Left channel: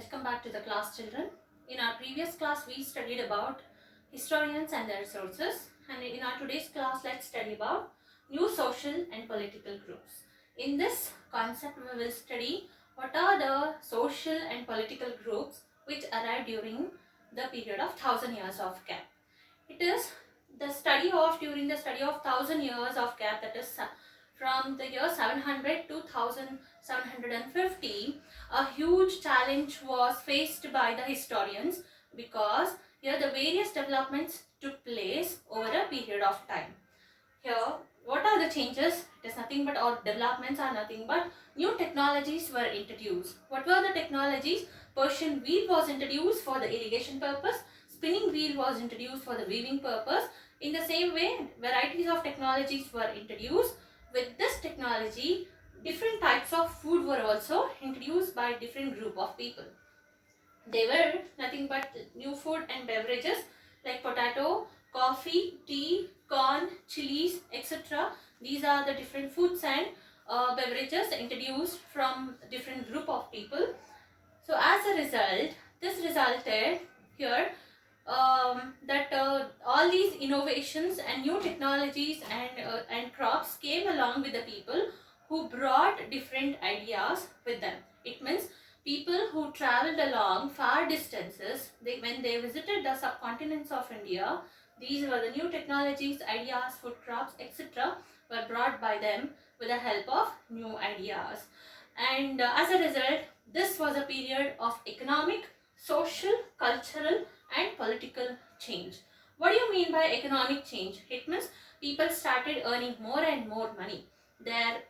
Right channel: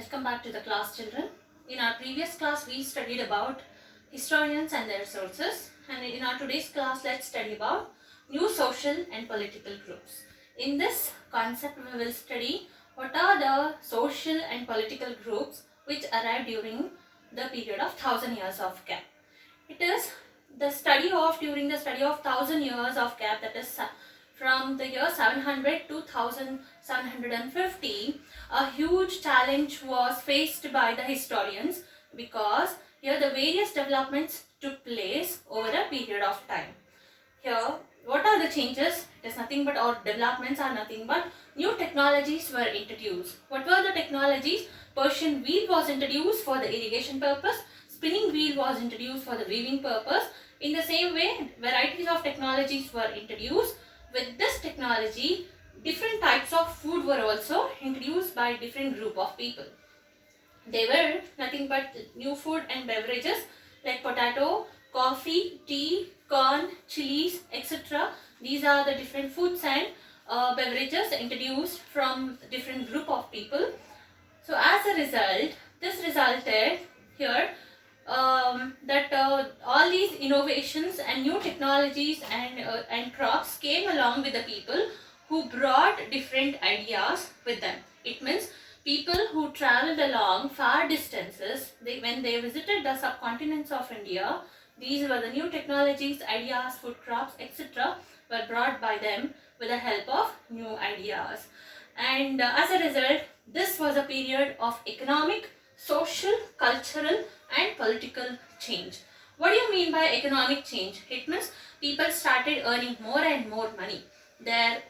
Welcome back to the class, children. In our previous class, we studied about historians and their sources, and in our today's class, let's study about new social and political groups. In this concept, we will study what are the social and political groups which arrived during the period of 1000 years of gap. It is during the study of 1000 years of gap, that is from the year 700 to 1750, a huge challenge was faced by the historians because here the various developments took place over a period of time. Here, what are the changes? It is nothing but, or developments are nothing but, new technologies were introduced. What were the technologies? Persian wheel was introduced for the irrigation purpose. Spinning wheel was introduced for the weaving purpose. In the same way, varieties of technologies were introduced. With this technology, different types of food were also introduced by different group of people. They were nothing but new food and beverages like potato, coffee, tea, corn, chilies, etc. These are the different foods and beverages introduced from different group of people. So as a result, this resulted here that all these innovations and new technologies and crops came along with the people who brought different ideas with them. It means people who traveled along far distances, when they visited the subcontinents of India, these were the new technologies, ideas, food crops, etc. were brought by them with the help of new ideas. And as a result, this was a period of economic, social, cultural and political change. What do you mean by economic change? It means people started earning more and more money. Their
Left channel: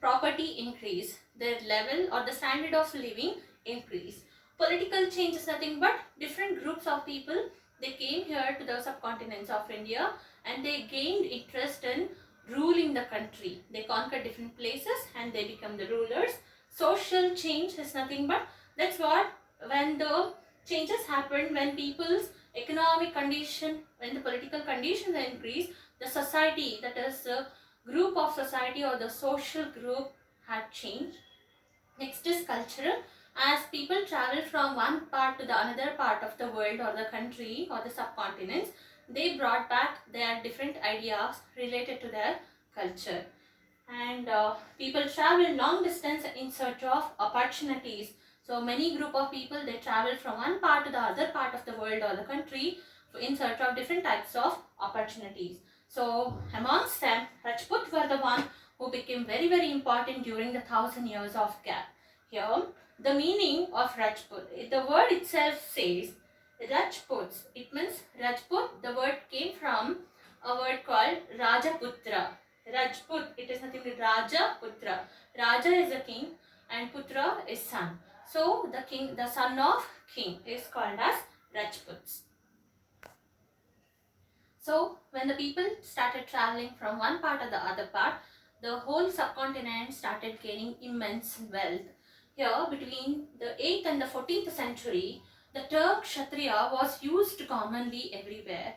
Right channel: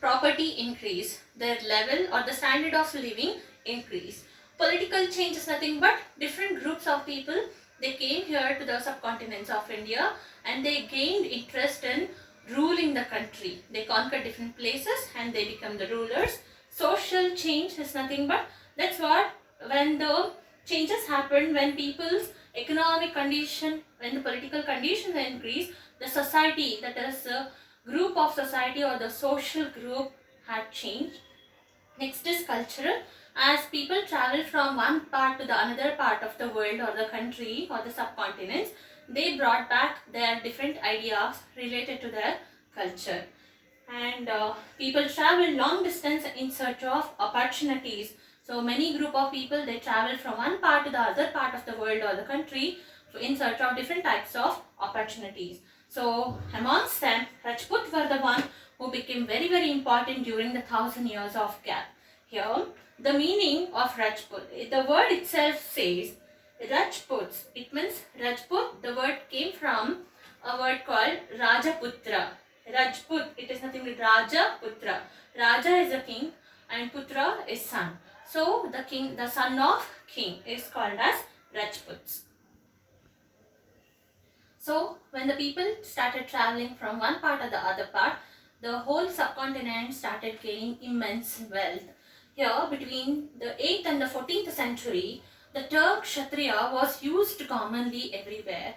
property increased. Their level or the standard of living increased. Political change is nothing but different groups of people. They came here to the subcontinents of India and they gained interest in ruling the country. They conquered different places and they become the rulers. Social change is nothing but, that's what, when the changes happen, when people's economic condition, when the political conditions increase, the society, that is the group of society or the social group, had changed. Next is cultural. As people travel from one part to the another part of the world or the country or the subcontinents, they brought back their different ideas related to their culture. And people travel long distance in search of opportunities. So many group of people, they travel from one part to the other part of the world or the country in search of different types of opportunities. So amongst them, Rajput were the one who became very, very important during the 1000 years of gap. Here, the meaning of Rajput, the word itself says Rajputs. It means Rajput, the word came from a word called Rajaputra. Rajput, it is nothing but Rajaputra. Raja is a king and Putra is son. So the king, the son of king, is called as Rajputs. So when the people started traveling from one part to the other part, the whole subcontinent started gaining immense wealth. Here, between the 8th and the 14th century, the term Kshatriya was used commonly everywhere.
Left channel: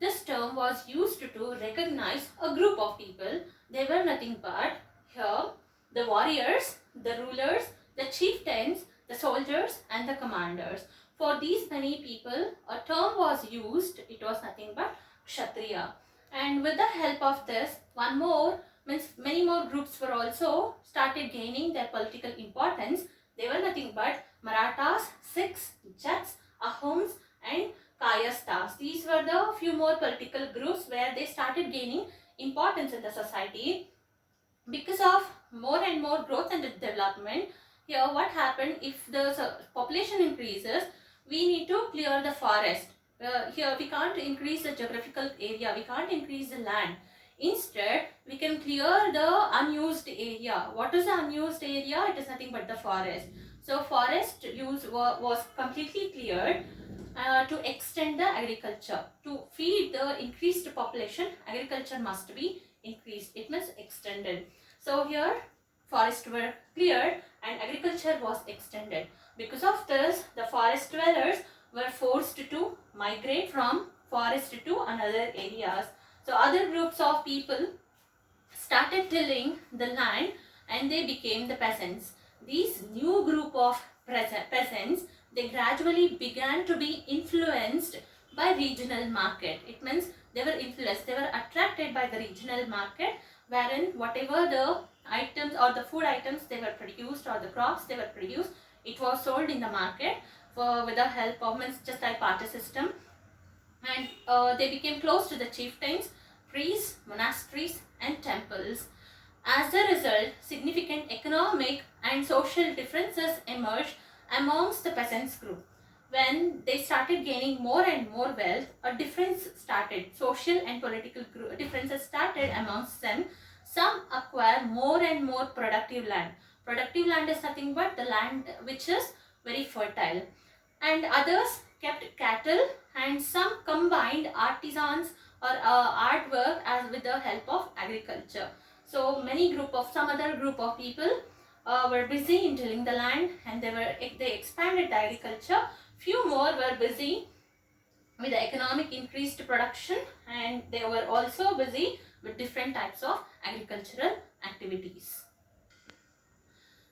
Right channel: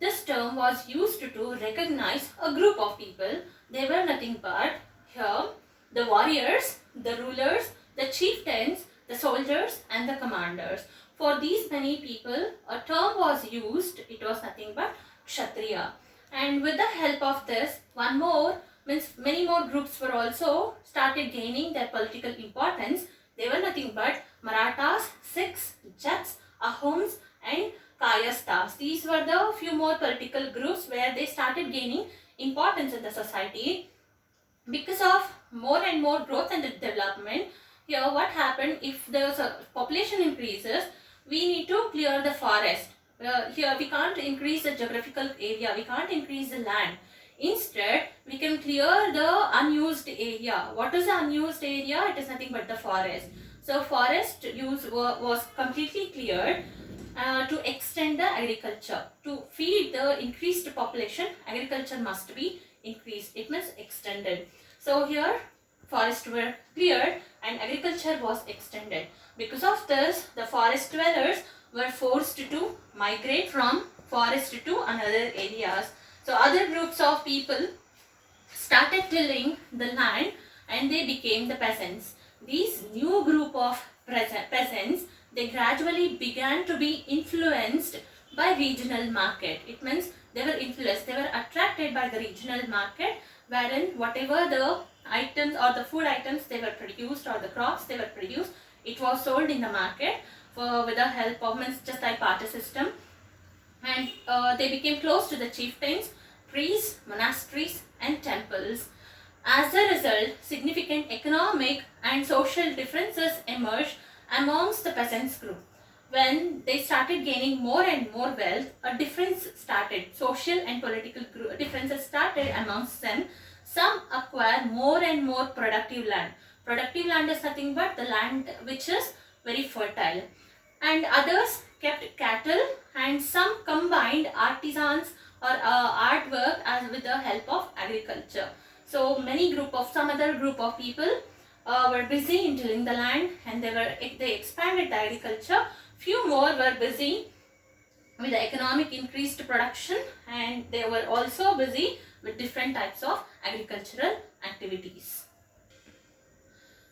This term was used to recognize a group of people. They were nothing but here the warriors, the rulers, the chieftains, the soldiers and the commanders. For these many people, a term was used. It was nothing but Kshatriya. And with the help of this, many more groups were also started gaining their political importance. They were nothing but Marathas, Sikhs, Jats, Ahoms and Kayasthas. These were the few more political groups where they started gaining importance in the society. Because of more and more growth and development, here what happened, if the population increases, we need to clear the forest. Here we can't increase the geographical area, we can't increase the land. Instead, we can clear the unused area. What is the unused area? It is nothing but the forest. So forest use was completely cleared to extend the agriculture. To feed the increased population, agriculture must be increased. It means extended. So here forests were cleared and agriculture was extended. Because of this, the forest dwellers were forced to migrate from forest to another areas. So other groups of people started tilling the land and they became the peasants. these new group of peasants, they gradually began to be influenced by regional market. It means they were influenced, they were attracted by the regional market, wherein whatever the items or the food items they were produced or the crops they were produced, it was sold in the market with the help of, means just like barter system. And they became close to the chieftains, priests, monasteries and temples. As a result, significant economic and social differences emerged amongst the peasants group. When they started gaining more and more wealth, a difference started. Social and political differences started amongst them. Some acquire more and more productive land. Productive land is nothing but the land which is very fertile. And others kept cattle, and some combined artisans or artwork as with the help of agriculture. So some other group of people were busy in tilling the land, and they expanded the agriculture. Few more were busy with the economic increased production, and they were also busy with different types of agricultural activities.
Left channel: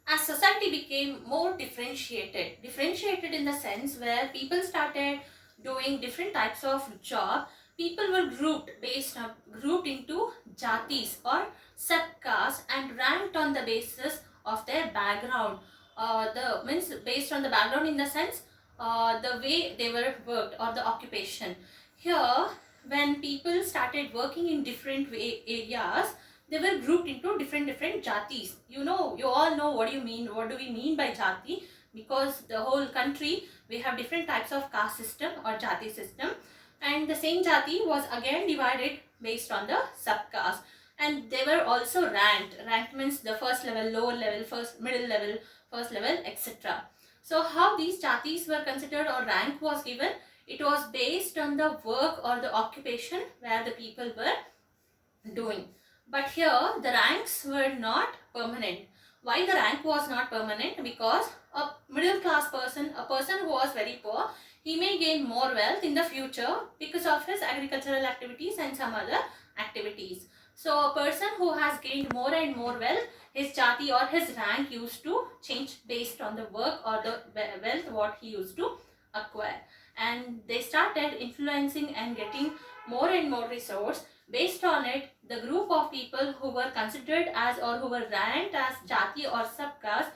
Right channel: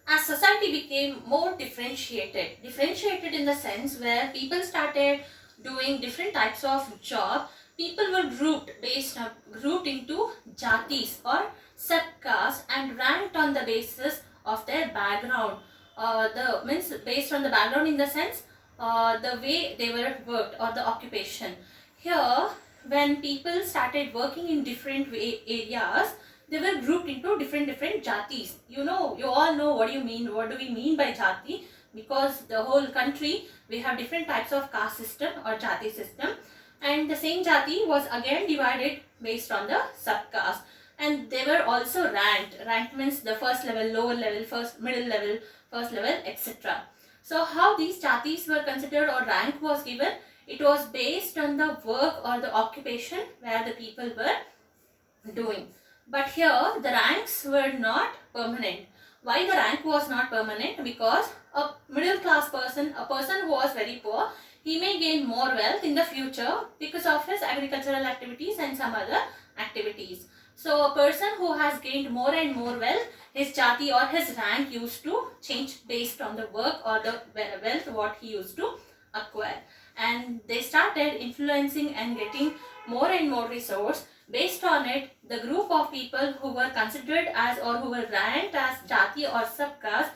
As society became more differentiated in the sense where people started doing different types of job, people were grouped into jatis or subcaste and ranked on the basis of their background. Based on the background in the sense the way they were worked or the occupation. Here, when people started working in different areas, they were grouped into different jatis. You all know what do we mean by jati, because the whole country we have different types of caste system or jati system, and the same jati was again divided based on the subcaste, and they were also ranked means the first level, lower level, first middle level, first level, etc. So how these jatis were considered or rank was given, it was based on the work or the occupation where the people were doing. But here the ranks were not permanent. Why the rank was not permanent? Because a middle class person, a person who was very poor, he may gain more wealth in the future because of his agricultural activities and some other activities. So a person who has gained more and more wealth, his jati or his rank used to change based on the work or the wealth what he used to acquire. And they started influencing and getting more and more resource. Based on it, the group of people who were considered as or who were ranked as jati or subcaste,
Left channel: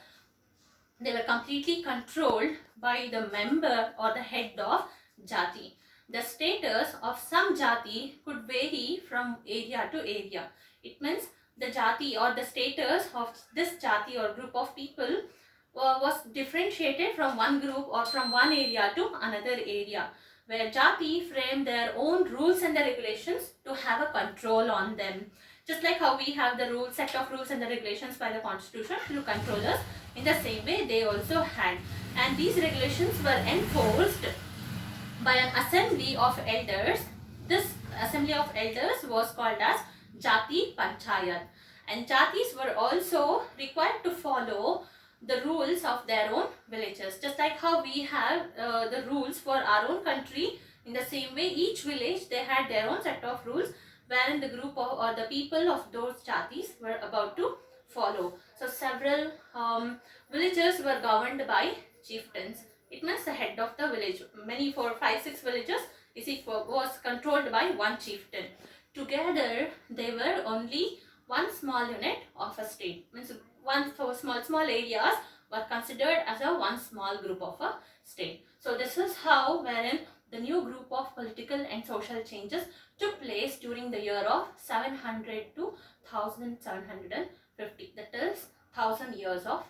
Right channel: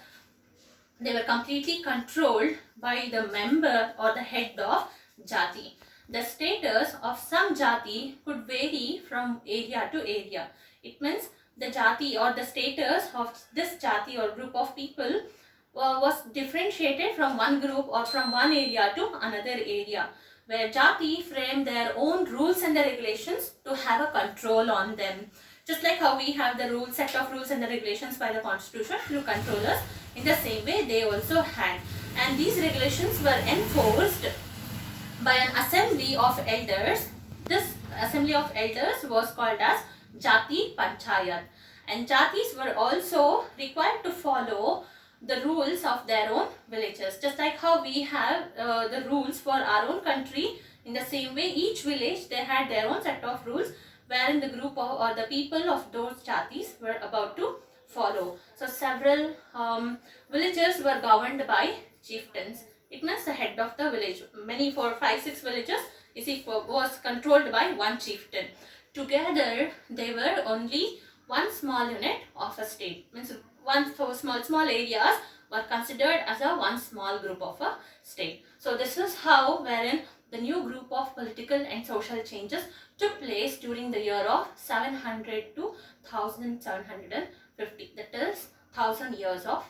they were completely controlled by the member or the head of jati. The status of some jati could vary from area to area. It means the jati or the status of this jati or group of people was differentiated from one group or from one area to another area, where jati frame their own rules and the regulations to have a control on them. Just like how we have the set of rules and the regulations by the constitution to control us, in the same way they also had. And these regulations were enforced by an assembly of elders. This assembly of elders was called as Jati Panchayat. And jatis were also required to follow the rules of their own villages. Just like how we have the rules for our own country, in the same way each village they had their own set of rules wherein the group of or the people of those jatis were about to follow. So several villages were governed by chieftains. It means the head of the village. Many 4, 5, 6 villages was controlled by one chieftain. Together they were only one small unit of a state. Means one small areas were considered as a one small group of a state. So this is how wherein the new group of political and social changes took place during the year of 700 to 1750. That is 1000 years of